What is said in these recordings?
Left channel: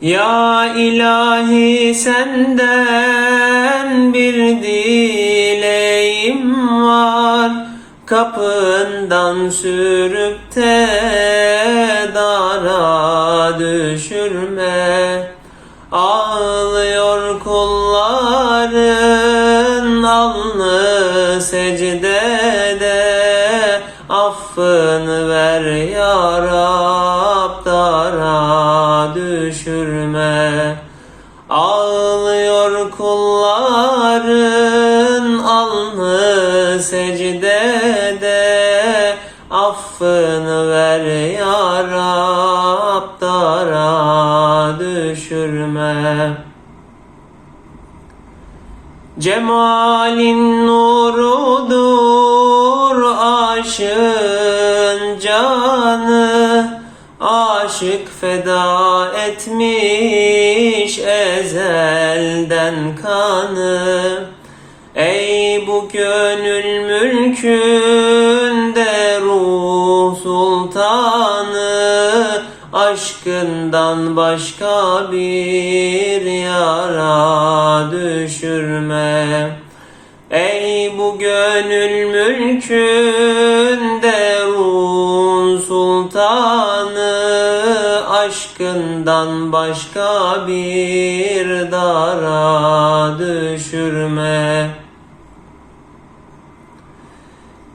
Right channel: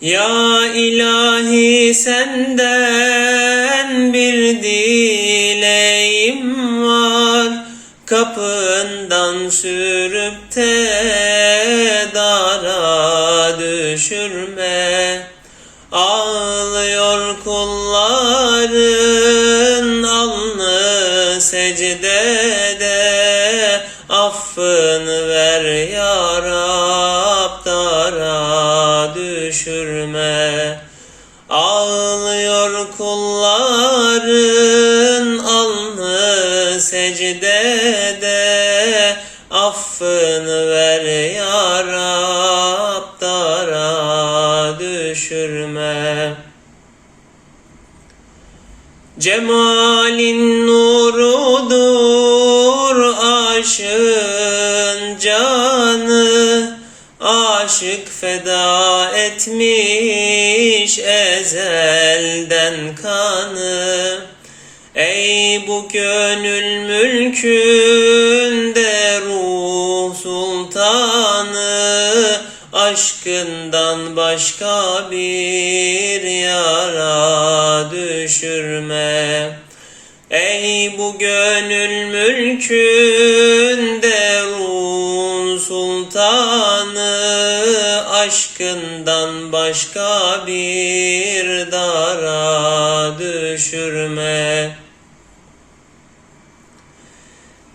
Ya ilahi senden bir dileğim var. Kapından sürüp de dara düşürme. Ağlıyor kulların alnı secdede. Affını ver ya Rab dara düşürme. Ağlıyor kulların alnı secdede. Affını ver ya Rab dara düşürme. Cemalin nurudur aşığın canı Aşık feda etmiş ezelden kanı. Ey bu gönül mülkünde ruh sultanı Aşkından başka bir yara düşürme Ey bu gönül mülkünde ruh sultanı Aşkından başka bir dara düşürme.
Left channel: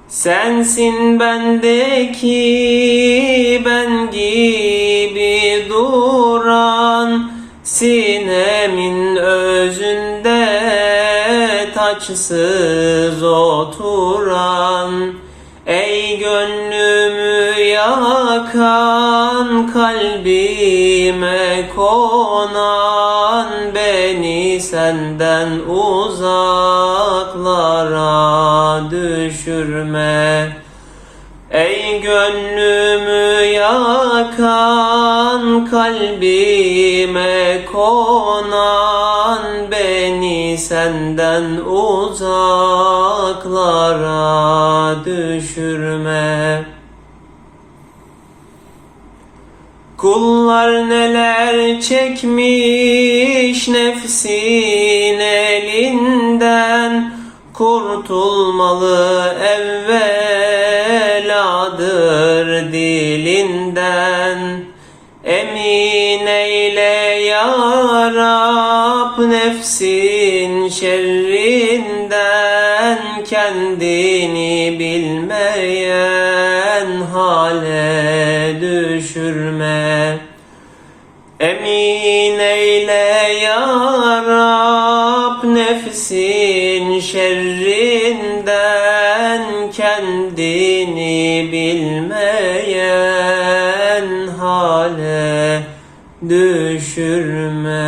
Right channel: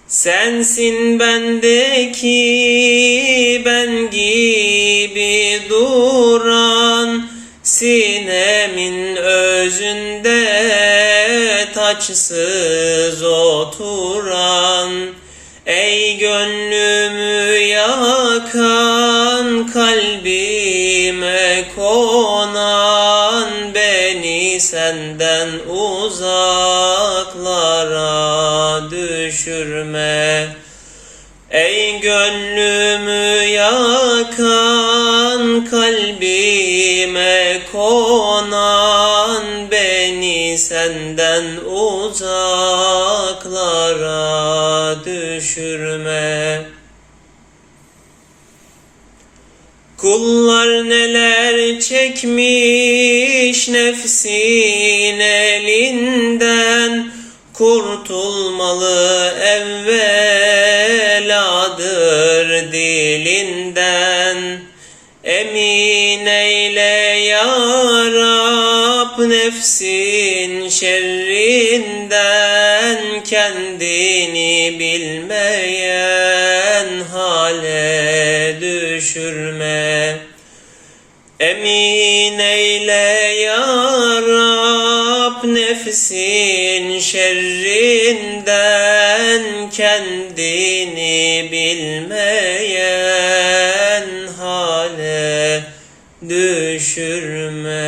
Sensin bendeki ben gibi duran Sinemin özünde taçsız oturan Ey gönlümü yakan kalbime konan Beni senden uzaklara düşürme. Ey gönlümü yakan kalbime konan senden uzaklara düşürme. Kullar neler çekmiş nefsin elinden Kurtulmalı evveladır dilinden Emin eyle ya Rab nefsin şerrinden Kendini bilmeyen hale düşürme. Emin eyle ya Rab nefsin şerrinden Kendini bilmeyen düşürme